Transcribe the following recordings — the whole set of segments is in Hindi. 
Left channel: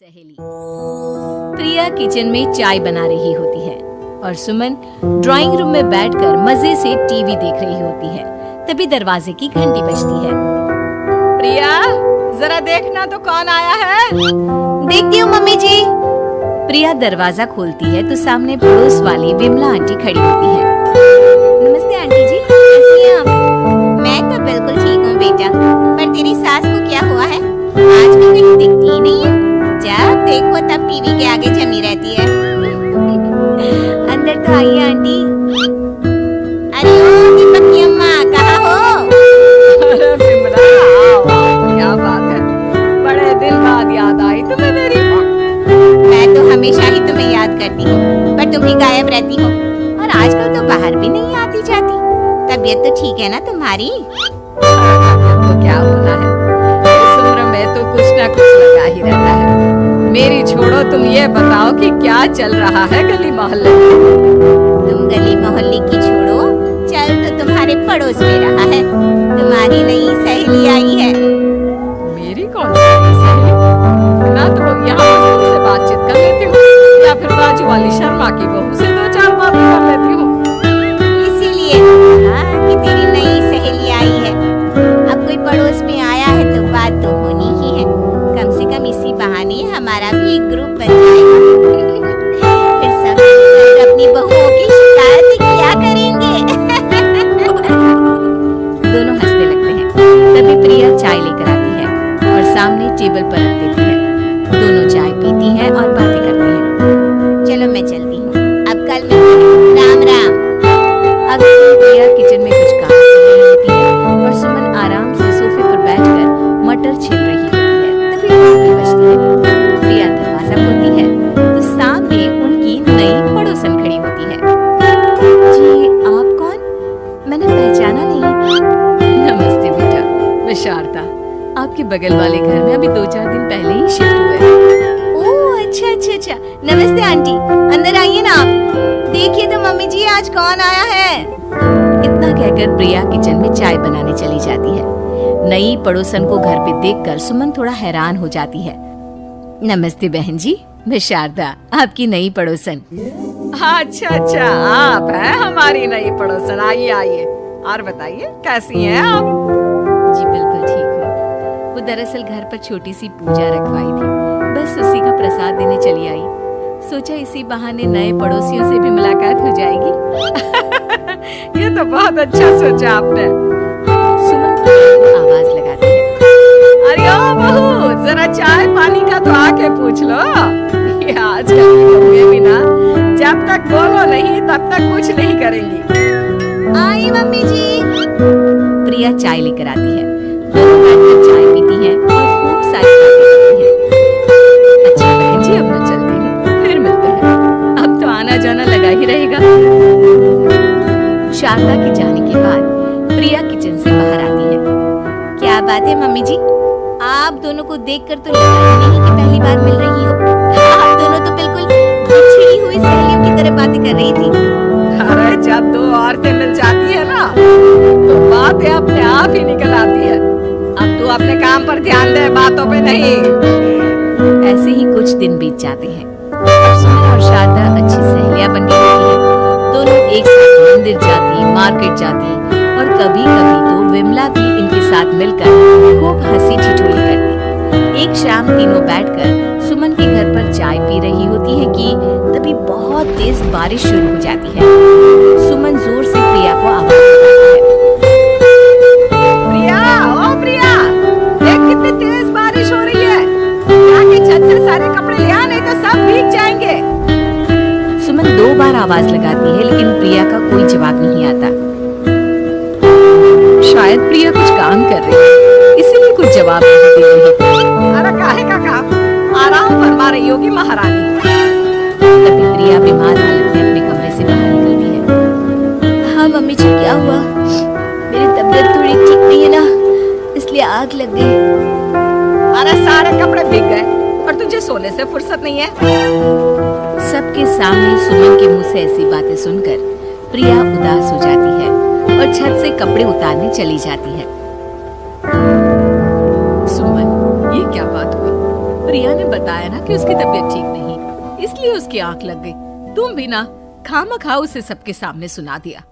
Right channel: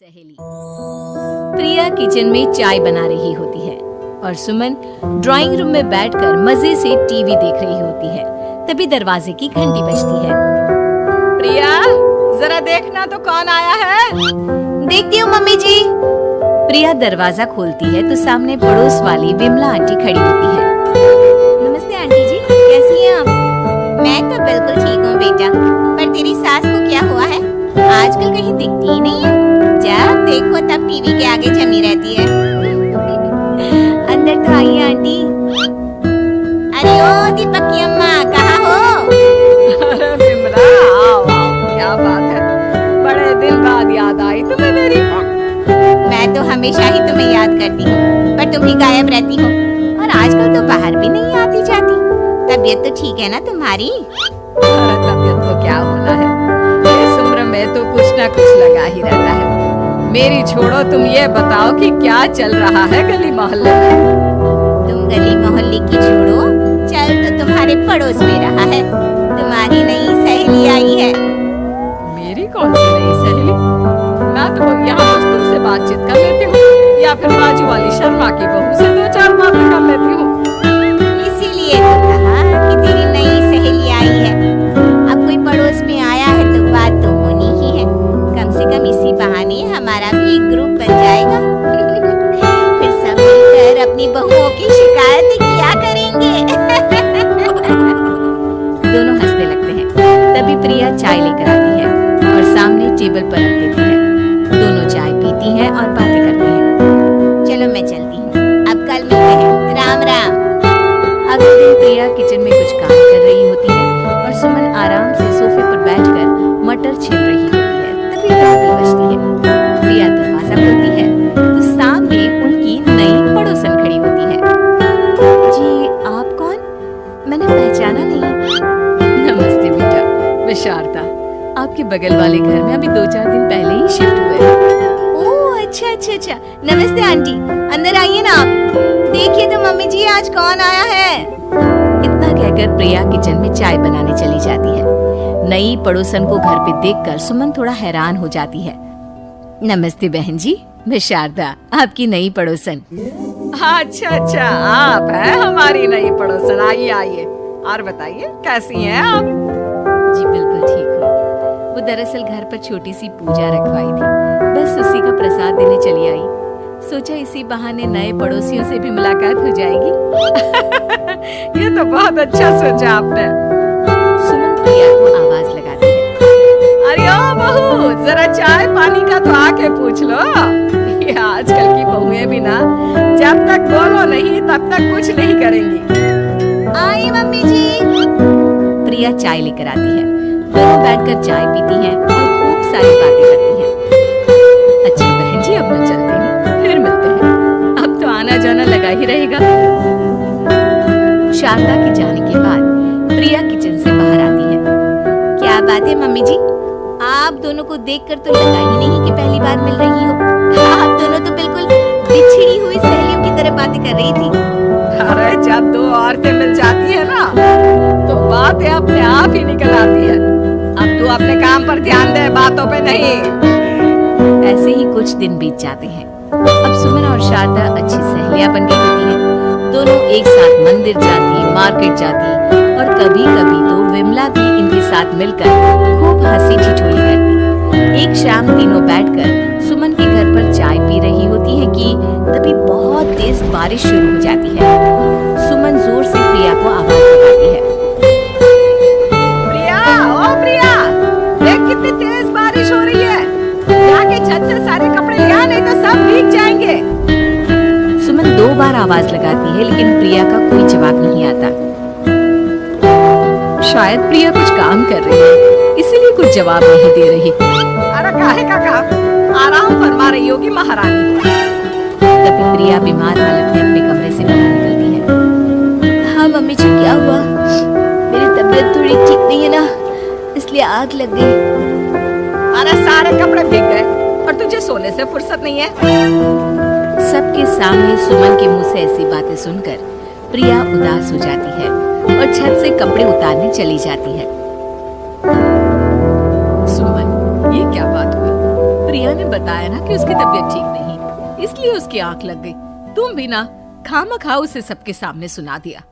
सहेली प्रिया किचन में चाय बना रही होती है और सुमन ड्राइंग रूम में बैठकर मजे से टीवी देख रही होती है। तभी दरवाजे की घंटी बजती है। प्रिया, जरा देखना तो कौन आया है। देखती हूँ मम्मी जी। प्रिया दरवाजा खोलती है तो सामने पड़ोस वाली विमला आंटी खड़ी होती है। नमस्ते आंटी जी, कैसी हैं आप? मैं तो बिल्कुल ठीक हूँ बेटा, पर तेरी सास को क्या हुआ है? आजकल कहीं दिखती ही नहीं है। जब देखो तब टीवी के आगे जमी रहती है। अंदर तो आइए आंटी। अरे ओ दीपक की अम्मा, कहाँ हो? अरे विमला, आओ आओ, क्या बात है, बड़े दिन बाद याद आई तुम्हें मेरी। मैं तो हमेशा ही तुम्हें याद करती हूँ, पर तुम ही गायब रहती हो और आजकल तो बाहर भी नहीं आती जाती। तबीयत तो ठीक है ना तुम्हारी? अरे तबीयत को क्या होना है, इस उम्र में तो कुछ ना कुछ लगा ही रहता है। मेरी छोड़ो, तुम ये बताओ कि क्या चल रहा है गली मोहल्ले में। तुम गली मोहल्ले की छोड़ो, चल तो तुम्हारे पड़ोस में रहा है। तुम्हारी नई सहेली आई है। मेरी कौन सी नई सहेली? ना तो यहाँ मस्तूर से बातचीत कर लेती हूँ या फिर बाजू वाली शर्मा की बहू से दो चार बातें कर लेती हूँ। इसीलिए तो कहा कि तेरी नई सहेली आई है। अब कोई पड़ोस में आया है तो बात तो होनी ही है। कम से कम इसी बहाने हमारा भी एक ग्रुप बन जाएगा। फिर सब मिलकर अपनी बहुओं की शिकायत किया करेंगे। दोनों हंसने लगते हैं। तभी प्रिया चाय लेकर आती है और सामने टेबल पर रख देती है। दोनों चाय पीती हैं और बातें करती हैं। चलो मैं चलती हूँ, अब कल मिलते हैं। राम राम। अगले दिन प्रिया किचन में कुछ काम कर रही होती है और सुमन आराम से सोफे पर बैठकर मटर छील रही होती है। तभी घंटी बजती है। प्रिया दरवाजा खोलती है तो सामने उनकी नई पड़ोसन खड़ी होती है। जी, आप कौन? मैंने पहचाना नहीं। नमस्ते बेटा, मैं शारदा, आपके बगल वाले घर में अभी 2-4 दिन पहले ही शिफ्ट हुए हैं। ओह अच्छा अच्छा अच्छा, नमस्ते आंटी, अंदर आइए ना आप। देखिए तो मम्मी जी, आज कौन आया है। इतना कहकर प्रिया किचन में चाय बनाने चली जाती है। नई पड़ोसन को घर पे देखकर सुमन थोड़ा हैरान हो जाती है। नमस्ते बहन जी, मैं शारदा, आपकी नई पड़ोसन। अच्छा अच्छा, आप हैं हमारी नई पड़ोसन। आइए आइए, और बताइए कैसी हैं आप? जी बिल्कुल ठीक हूँ। वो दरअसल घर पर छोटी सी पूजा रखवाई थी, बस उसी का प्रसाद देने चली आई। सोचा इसी बहाने नए पड़ोसियों से भी मुलाकात हो जाएगी। ये तो बहुत अच्छा सोचा आपने। सुमन प्रिया को आवाज लगाती है। अरे ओ बहू, जरा चाय पानी का तो आके पूछ लो। ये आजकल की बहुएं भी ना, जब तक बोलो नहीं तब तक कुछ नहीं करेंगी। आई मम्मी जी। प्रिया चाय लेकर आती है। दोनों बैठकर चाय पीती हैं और खूब सारी बातें करती हैं। अच्छा बहन जी, अब मैं चलती हूँ, फिर मिलते हैं। अब तो आना जाना लगा ही रहेगा। शारदा के जाने के बाद प्रिया किचन से बाहर आती है। क्या बात है मम्मी जी, आप दोनों को देखकर तो लगा ही नहीं कि पहली बार मिल रही हो। आप दोनों तो बिल्कुल बिछड़ी हुई सहेलियों की तरह बातें कर रही थी। अरे जब दो औरतें मिल जाती है ना, तो बातें अपने आप ही निकल आती है। अब तू अपने काम पर ध्यान दे, बातों पे नहीं। ऐसे ही कुछ दिन बीत जाते हैं। अब सुमन और शारदा अच्छी सहेलियां बन गई होती हैं। दोनों एक साथ मंदिर जाती, मार्केट जाती और कभी कभी तो विमला भी इनके साथ मिलकर खूब हंसी ठिठोली करती। एक शाम तीनों बैठकर सुमन के घर पर चाय पी रही होती हैं कि तभी बहुत तेज बारिश शुरू हो जाती है। सुमन जोर से प्रिया को आवाज लगाती है। प्रिया, ओ प्रिया, देख कितनी तेज बारिश हो रही है। जाके छत से सारे कपड़े ले आ, नहीं तो सब भीग जाएंगे। सुमन 2 बार आवाज लगाती है लेकिन प्रिया का कोई जवाब नहीं आता। शायद प्रिया कुछ काम कर रही है, इसीलिए कुछ जवाब नहीं दे रही। अरे काहे का काम, आराम फरमा रही होगी महारानी। तभी प्रिया बीमार हालत में अपने कमरे से बाहर निकलती है। हाँ मम्मी जी, क्या हुआ? मेरी तबीयत थोड़ी ठीक नहीं है ना, इसलिए आग लग गई। अरे सारे कपड़े भीग गए और तुझे सोने से फुर्सत नहीं है। सबके सामने सुमन के मुंह से ऐसी बातें सुनकर प्रिया उदास हो जाती है और छत से कपड़े उतारने चली जाती है। सुमन, ये क्या बात हुई? प्रिया ने बताया ना कि उसकी तबीयत ठीक नहीं, इसलिए उसकी आंख लग गई। तुम भी ना खामखा उसे सबके सामने सुना दिया।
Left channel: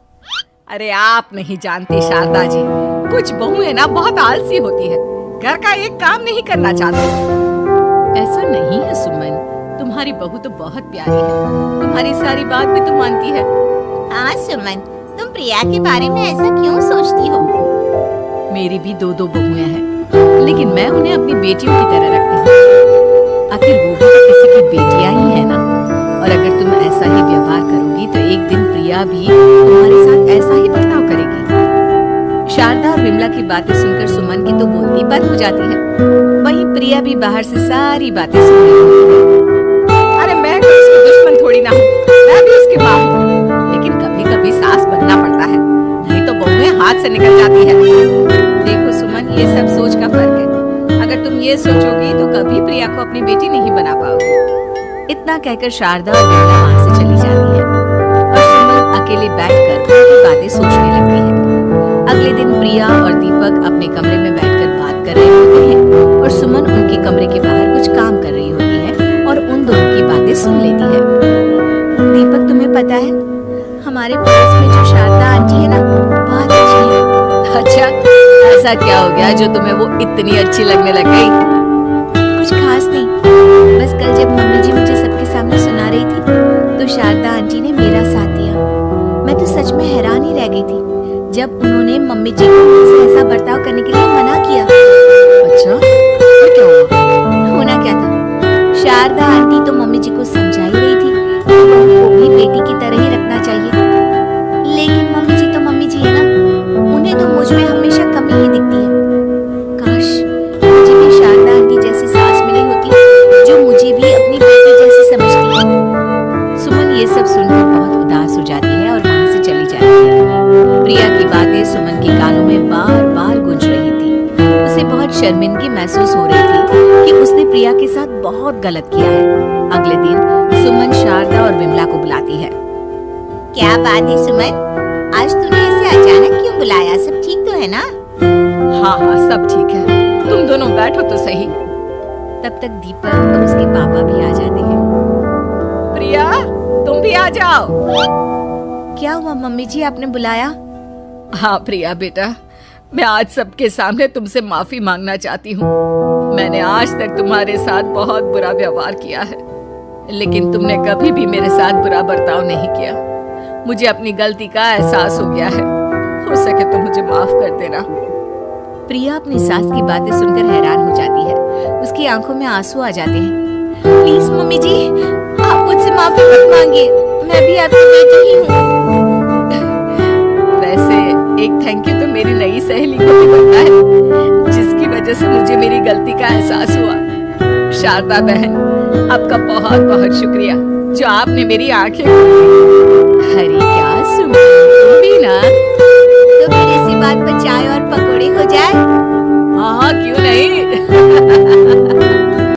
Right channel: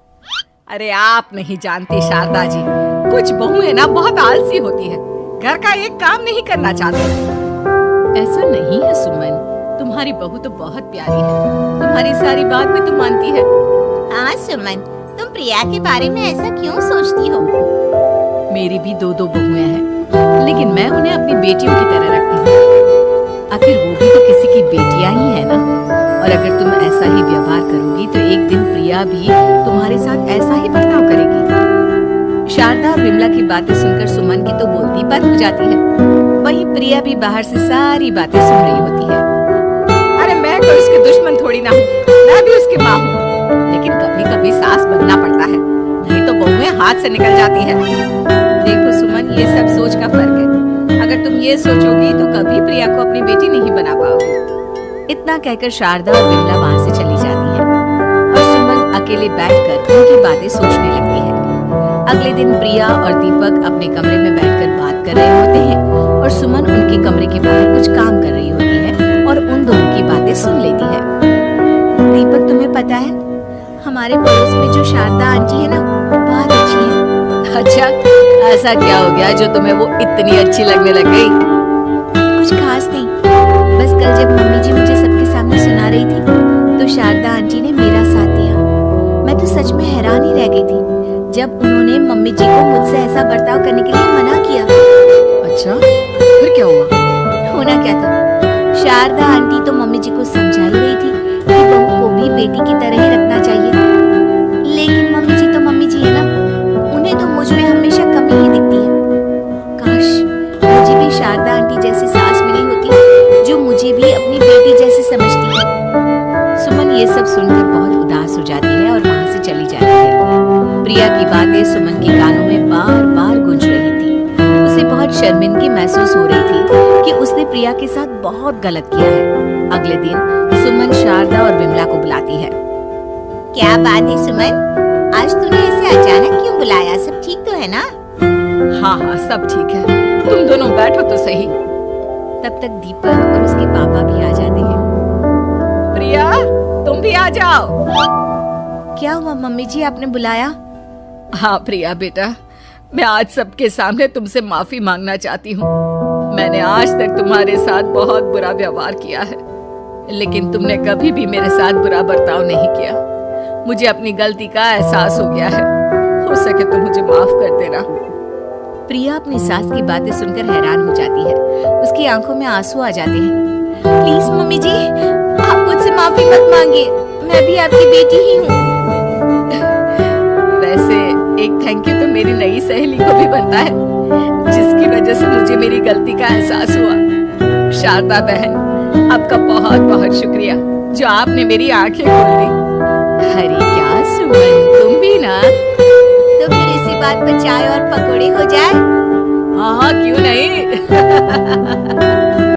अरे आप नहीं जानती शारदा जी, कुछ बहुएं ना बहुत आलसी होती है, घर का एक काम नहीं करना चाहती। ऐसा नहीं है सुमन, तुम्हारी बहू तो बहुत प्यारी है, तुम्हारी सारी बात भी तो मानती है। हाँ सुमन, तुम प्रिया के बारे में ऐसा क्यों सोचती हो? मेरी भी दो बहुएं हैं, लेकिन मैं उन्हें अपनी बेटियों की तरह रखती हूँ। आखिर वो भी तो किसी की बेटियां ही है ना। और अगर तुम ऐसा ही व्यवहार करोगी तो एक दिन प्रिया भी तुम्हारे साथ ऐसा ही बर्ताव करेगी। शारदा और विमला की बातें सुनकर सुमन की तो बोलती बंद हो जाती है। वहीं प्रिया भी बाहर से सारी बातें सुन रही होती है। अरे मैं कोई उसकी दुश्मन थोड़ी ना हूँ, मैं भी उसकी माँ हूँ, लेकिन कभी कभी सास बनना पड़ता है, नहीं तो बहुएं हाथ से निकल जाती है। देखो सुमन, ये सब सोच का फर्क है। अगर तुम ये सोचोगी तो कभी प्रिया को अपनी बेटी नहीं बना पाओगी। इतना कहकर शारदा और विमला वहाँ से चली जाती है और सुमन अकेले बैठकर उनकी बातें सोचने लगती है। अगले दिन प्रिया और दीपक अपने कमरे में बैठकर बात कर रहे होते हैं और सुमन उनके कमरे के बाहर कुछ काम कर रही होती है और उन दोनों की बातें सुन लेती है। दीपक, तुम्हें पता है हमारे पड़ोस में जो शारदा आंटी है ना, बहुत अच्छी है। अच्छा, ऐसा क्या हो गया जो तुम्हें वो इतनी अच्छी लगने लग गई? कुछ खास नहीं, बस कल जब मम्मी जी मुझे सबके सामने सुना रही थी तो शारदा आंटी ने मेरा साथ दिया। मैं तो सच में हैरान ही रह गई थी जब उन्होंने मम्मी जी को मुझसे ऐसा बर्ताव करने के लिए मना किया। अच्छा, फिर क्या हुआ? होना क्या था, शारदा आंटी तो मम्मी जी को समझा ही रही थी कि बहू को भी बेटी की तरह ही रखना चाहिए, लेकिन मम्मी जी तो मम्मी जी है ना, उन्हें तो मुझ में हमेशा कमी ही दिखती है। काश मुझे भी शारदा आंटी जैसी सास मिली होती जो मुझे भी अपनी बेटी जैसी समझती है। सुमन ये सब सुनकर बहुत उदास हो जाती है और वहाँ से चली जाती है। प्रिया की बातें सुमन के कानों में बार बार गूंज रही थी। उसे बहुत शर्मिंदगी महसूस हो रही थी कि उसने प्रिया के साथ बहुत गलत किया है। अगले दिन सुमन शारदा और विमला को बुलाती है। क्या बात है सुमन, आज तूने ऐसे अचानक क्यों बुलाया? सब ठीक तो है ना? हाँ हाँ, सब ठीक है, तुम दोनों बैठो तो सही। तब तक दीपक और उसके पापा भी आ जाते हैं। प्रिया, तुम भी आ जाओ। क्या हुआ मम्मी जी, आपने बुलाया? हाँ प्रिया बेटा, मैं आज सबके सामने तुमसे माफी मांगना चाहती हूँ। मैंने आज तक तुम्हारे साथ बहुत बुरा व्यवहार किया है, लेकिन तुमने कभी भी मेरे साथ बुरा बर्ताव नहीं किया। मुझे अपनी गलती का एहसास हो गया है, हो सके तो मुझे माफ कर देना। प्रिया अपनी सास की बातें सुनकर हैरान हो जाती है, उसकी आंखों में आंसू आ जाते हैं। प्लीज मम्मी जी, आप मुझसे माफी मत मांगिए, मैं भी आपकी बेटी ही हूँ। वैसे एक थैंक यू तो मेरी नई सहेली को भी बनता है, जिसकी वजह से मुझे मेरी गलती का एहसास हुआ। शारदा बहन, आपका बहुत बहुत शुक्रिया जो आपने मेरी आंखें खोल दी। अरे क्या सुमन, तुम भी ना। तो फिर इसी बात पर चाय और पकोड़े हो जाए? हाँ क्यों नहीं।